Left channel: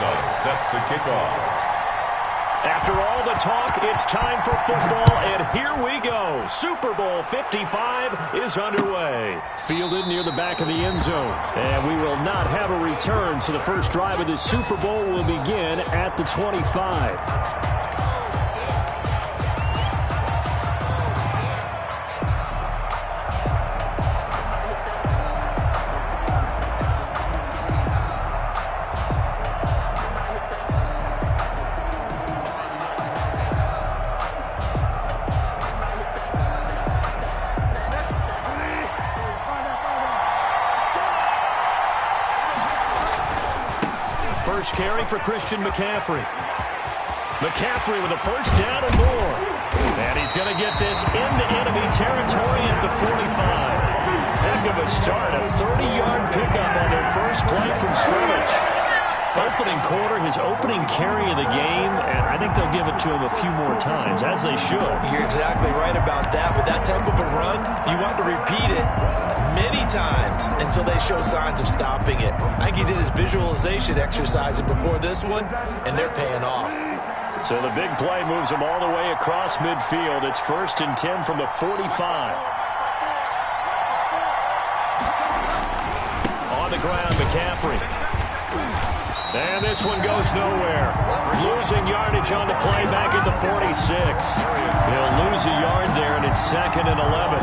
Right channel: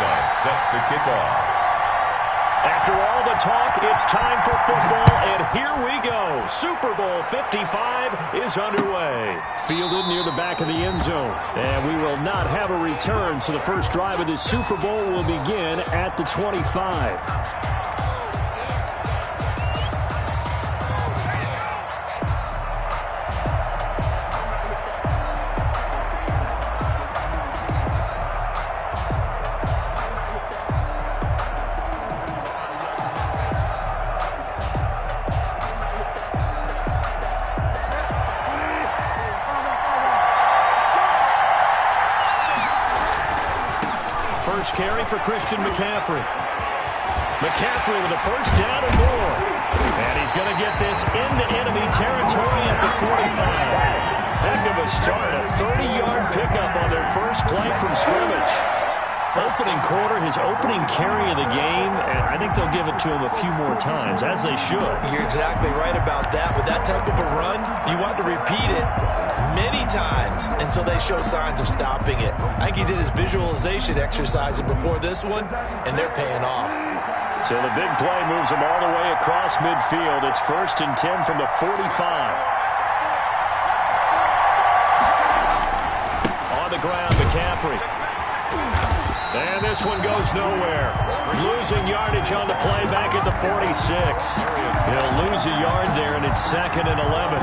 Melissa set to kick off. After all the talk, it's time for football, and here we go. Super Bowl 55 is underway. Fielded near the back of the end zone. And we will not have a return, so the first drive of this Super Bowl will begin at the 25. First carry for Christian McCaffrey. McCaffrey with a first down and more. And he's going to get this into enemy territory at the 45. Heck of a start, a 30-yard pickup on their first play from scrimmage. Opening quarter, his opening carry of the game, and I think they'll give it to him a few more times, as they should. You're exactly right about that. With that type of a run, you want to repeat it many times until they show signs of stopping it. I think he did his visualization exercises before this one, and they're paying off. So the big play moves him all the way across midfield. It's 1st and 10 from the 45. On the ground, McCaffrey. And this one goes nowhere. Losing yardage on the play back at the 46. He'll lose a yard there, and it's 2nd and 11.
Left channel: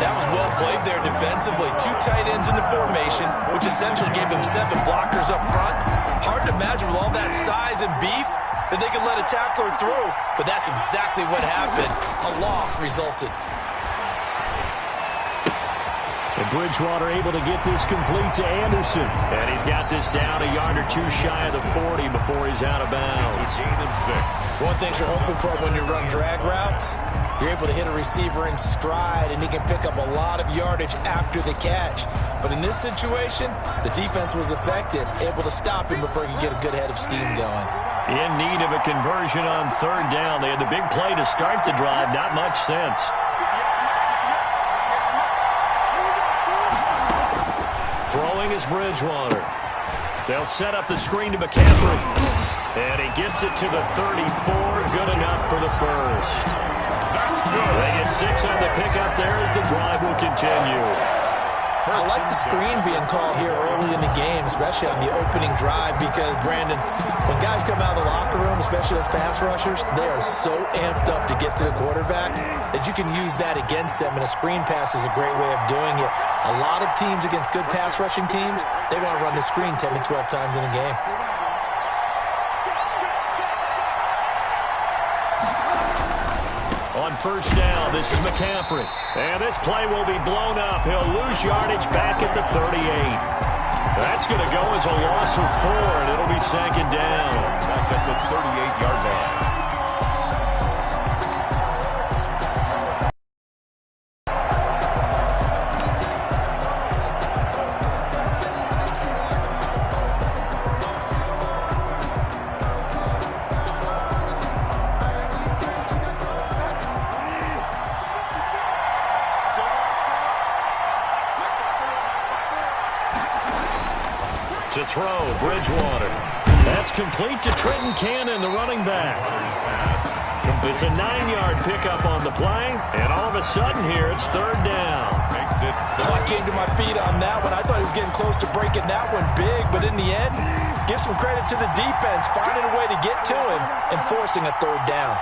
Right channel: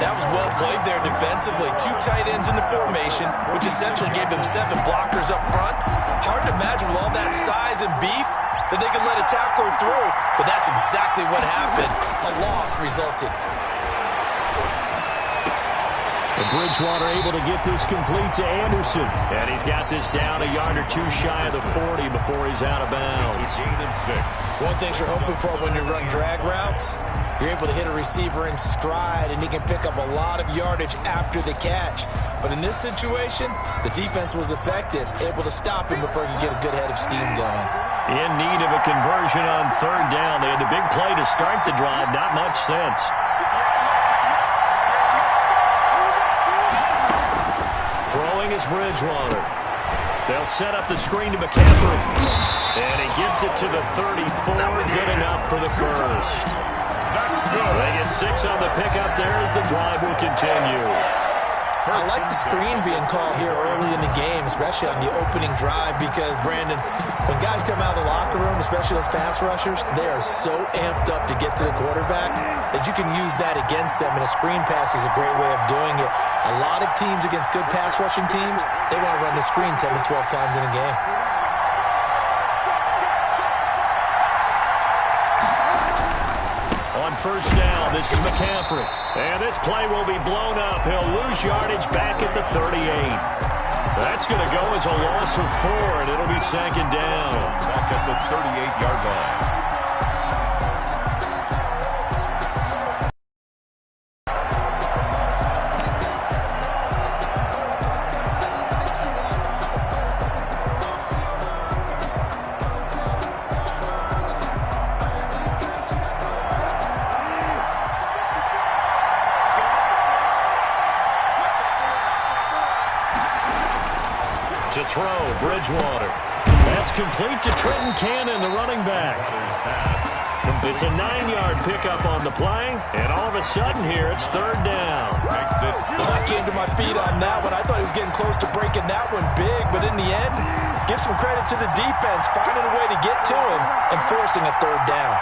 That was well played there defensively. 2 tight ends in the formation, which essentially gave them 7 blockers up front. Hard to imagine with all that size and beef that they could let a tackler through, but that's exactly what happened. A loss resulted. And Bridgewater able to get this complete to Anderson. And he's got this down a yard or 2 shy of the 40 before he's out of bounds. One thing you're hoping for when you run drag routes, you're able to hit a receiver in stride, and he can pick up a lot of yardage after the catch. But in this situation, the defense was effective, able to stop him before he could get a good head of steam going. In need of a conversion on 3rd down. They had the big play to start the drive. Not much sense. Throwing is Bridgewater. They'll set up the screen to McCaffrey. And he gets it to the 34. Good enough for the first. That's good. They get 6 on the pickup there as the drive will continue. I like the screen being called here early in the game, especially on the opening drive, because, Brandon, when guys come out of the locker room, especially those pass rushers, they are so amped up to get to the quarterback that you can use that against them, and a screen pass is a great way of doing it. A lot of teams against good pass rushing teams, they want to run the screen 10 to 12 times in a game. On 1st down, this is McCaffrey. And this play will be blown up. He'll lose yardage back at the 38. That's going to go as a loss of 4, and it'll be 2nd down. Back at the 38-yard line. To throw, Bridgewater. That's complete to Trenton Cannon, the running back. It's a 9-yard pickup on the play, and all of a sudden here, it's 3rd down. I came to my feet on that one. I thought he was getting close to breaking that one big, but in the end, give some credit to the defense, finding a way to get to him and forcing a 3rd down.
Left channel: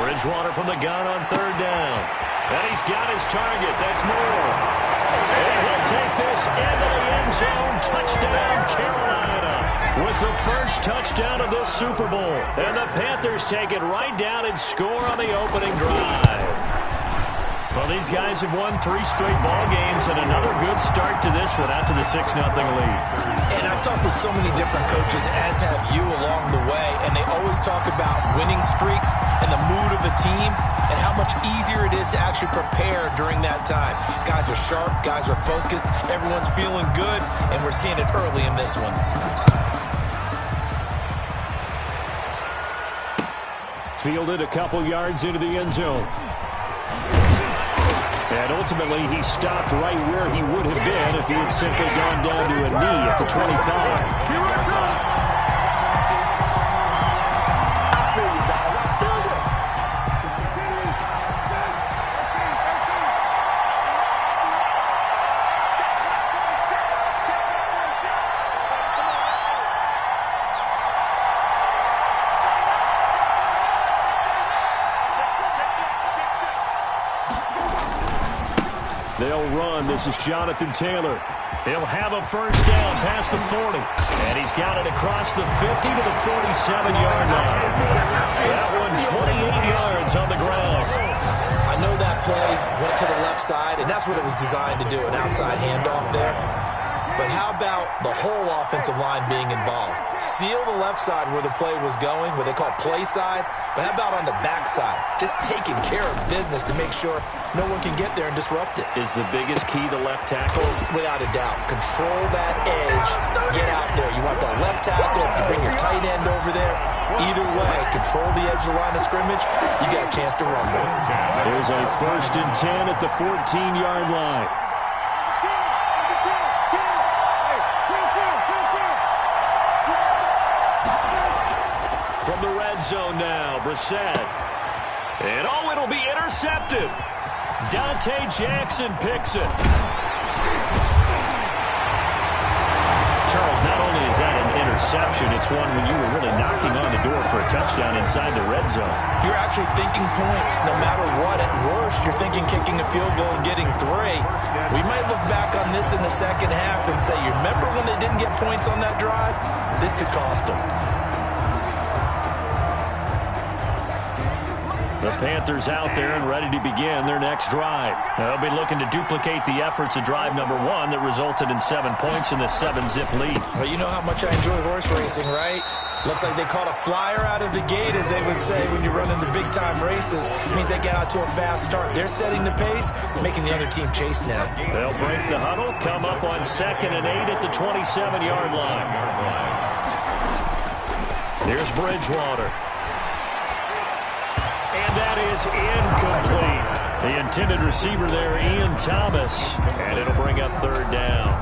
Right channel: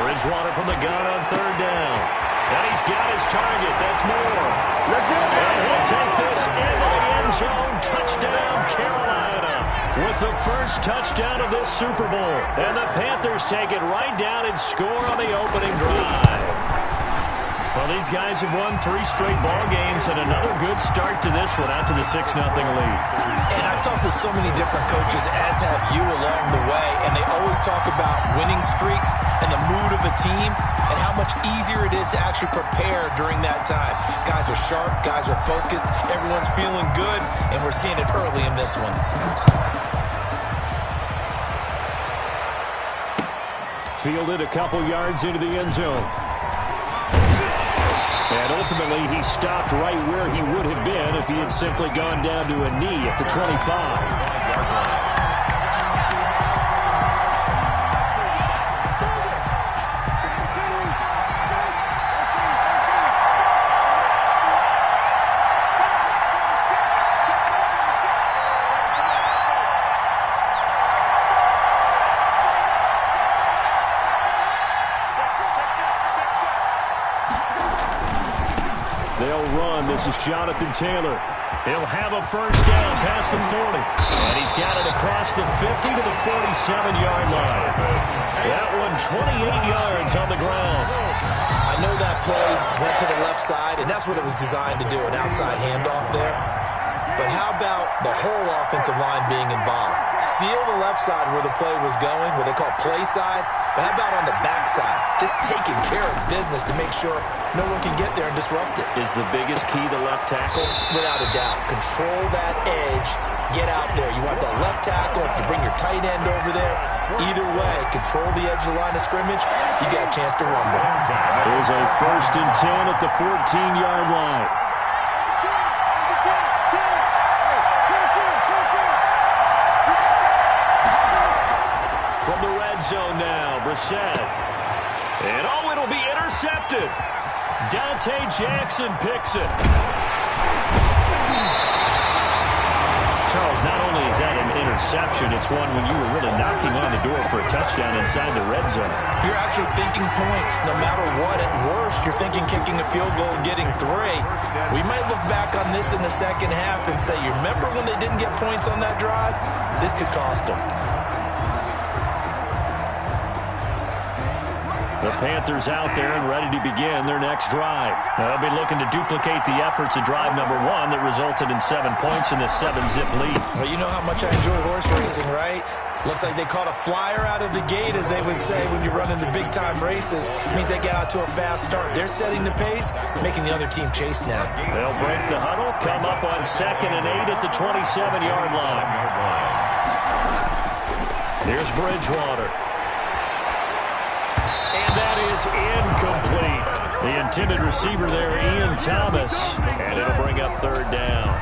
Bridgewater from the gun on 3rd down. And he's got his target. That's Moore. And he'll take this into the end zone. Touchdown, Carolina. With the first touchdown of this Super Bowl. And the Panthers take it right down and score on the opening drive. Well, these guys have won 3 straight ball games and another good start to this one out to the 6-0 lead. And I've talked with so many different coaches, as have you, along the way, and they always talk about winning streaks and the mood of a team and how much easier it is to actually prepare during that time. Guys are sharp, guys are focused, everyone's feeling good, and we're seeing it early in this one. Fielded a couple yards into the end zone. And ultimately, he stopped right where he would have been if he had simply gone down to a knee at the 25. They'll run. This is Jonathan Taylor. He'll have a first down past the 40. And he's got it across the 50 to the 47-yard line. That one 28 yards on the ground. I know that play went to the left side, and that's what it was designed to do, an outside handoff there. But how about the whole offensive line being involved? Seal the left side where the play was going, what they call play side. But how about on the back side? Just taking care of business to make sure no one can get there and disrupt it. Is the biggest key the left tackle? Without a doubt. Control that edge. Get out there. You want that left tackle. If you bring your tight end over there, either way, control the edge of the line of scrimmage, you got a chance to rumble. There's a 1st and 10 at the 14-yard line. From the red zone now, Brissett. And oh, it'll be intercepted. Dante Jackson picks it. Charles, not only is that an interception, it's one when you were really knocking on the door for a touchdown inside the red zone. You're actually thinking points no matter what. At worst, you're thinking kicking a field goal and getting 3. We might look back on this in the second half and say, you remember when they didn't get points on that drive? This could cost them. The Panthers out there and ready to begin their next drive. They'll be looking to duplicate the efforts of drive number 1 that resulted in 7 points in the 7-zip lead. Well, you know how much I enjoy horse racing, right? Looks like they caught a flyer out of the gate, as they would say when you're running the big-time races. It means they get out to a fast start. They're setting the pace, making the other team chase now. They'll break the huddle, come up on 2nd and 8 at the 27-yard line. Here's Bridgewater. And that is incomplete. The intended receiver there, Ian Thomas. And it'll bring up 3rd down.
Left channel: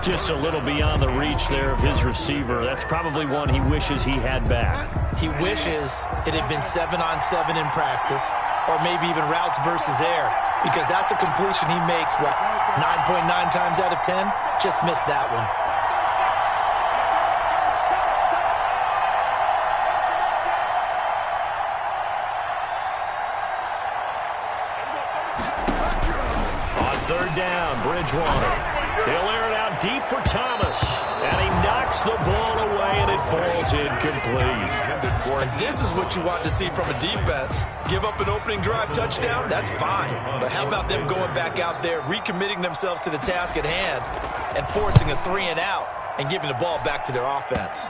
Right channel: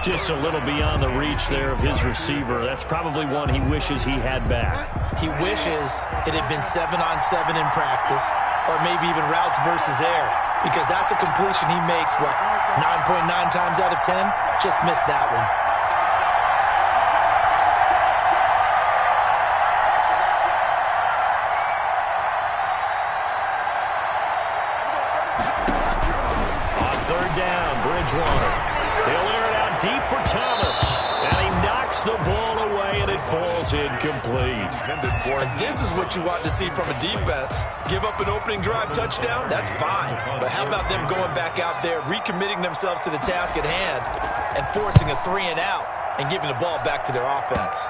Just a little beyond the reach there of his receiver. That's probably one he wishes he had back. He wishes it had been 7-on-7 in practice, or maybe even routes versus air, because that's a completion he makes, 9.9 times out of 10? Just missed that one. Down, Bridgewater. They'll air it out deep for Thomas. And he knocks the ball away, and it falls incomplete. And this is what you want to see from a defense. Give up an opening drive touchdown, that's fine. But how about them going back out there, recommitting themselves to the task at hand, and forcing a 3-and-out, and giving the ball back to their offense.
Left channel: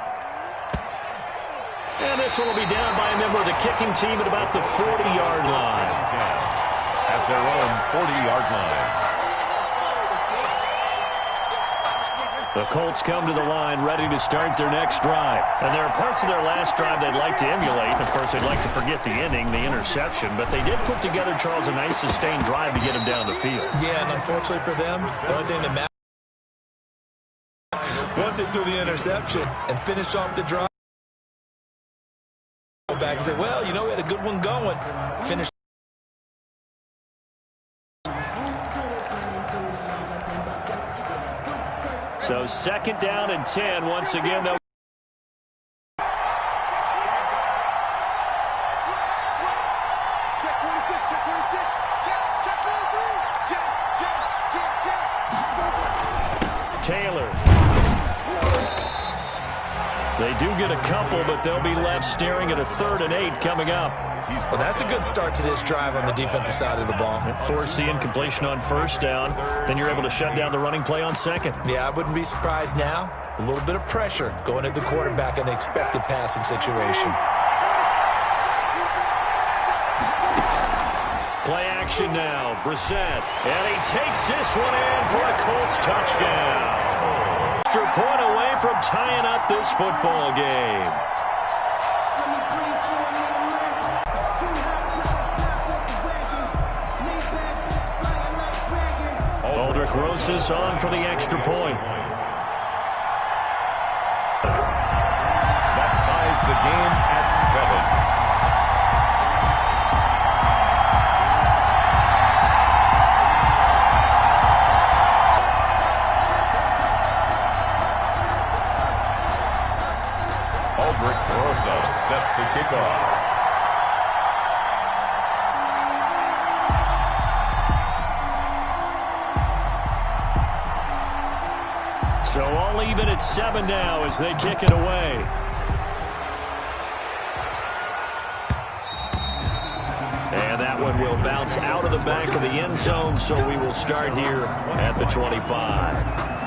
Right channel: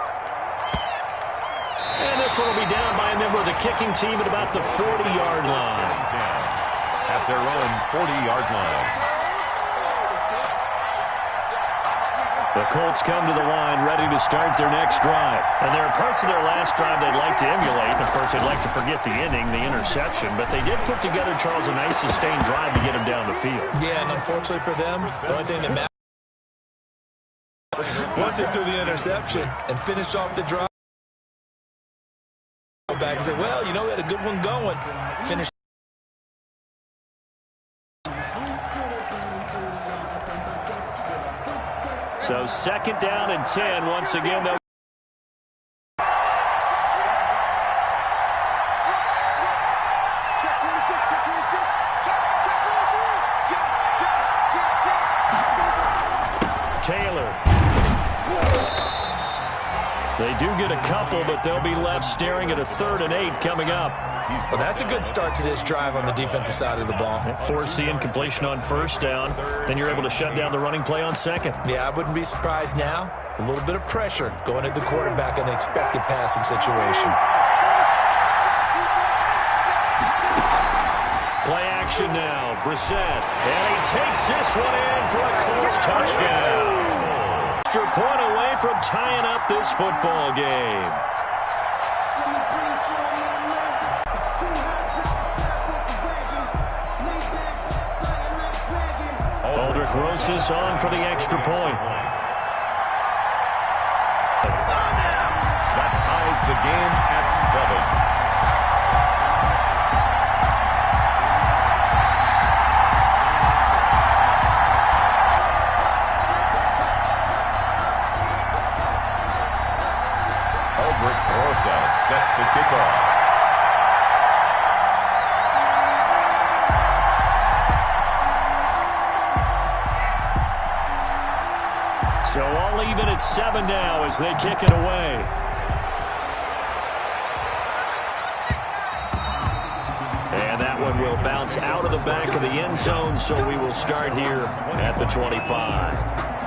And this one will be down by a member of the kicking team at about the 40-yard line. At their own 40-yard line. The Colts come to the line ready to start their next drive. And there are parts of their last drive they'd like to emulate. Of course, they'd like to forget the ending, the interception. But they did put together, Charles, a nice sustained drive to get them down the field. Yeah, and unfortunately for them, the only thing that matters, once they threw the interception and finished off the drive, back and say, well, you know, we had a good one going. Finished. So 2nd down and 10. Once again, they'll Taylor. They do get a couple, but they'll be left staring at a 3rd and 8 coming up. Well, that's a good start to this drive on the defensive side of the ball. Force the incompletion on 1st down. Then you're able to shut down the running play on 2nd. Yeah, I wouldn't be surprised now. A little bit of pressure going at the quarterback in an expected passing situation. Play action now. Brissett. And he takes this one in for a Colts touchdown. Extra point away from tying up this football game. throws this on for the extra point. That ties the game at 7. Set to kick off. So all even at 7 now as they kick it away. And that one will bounce out of the back of the end zone, so we will start here at the 25.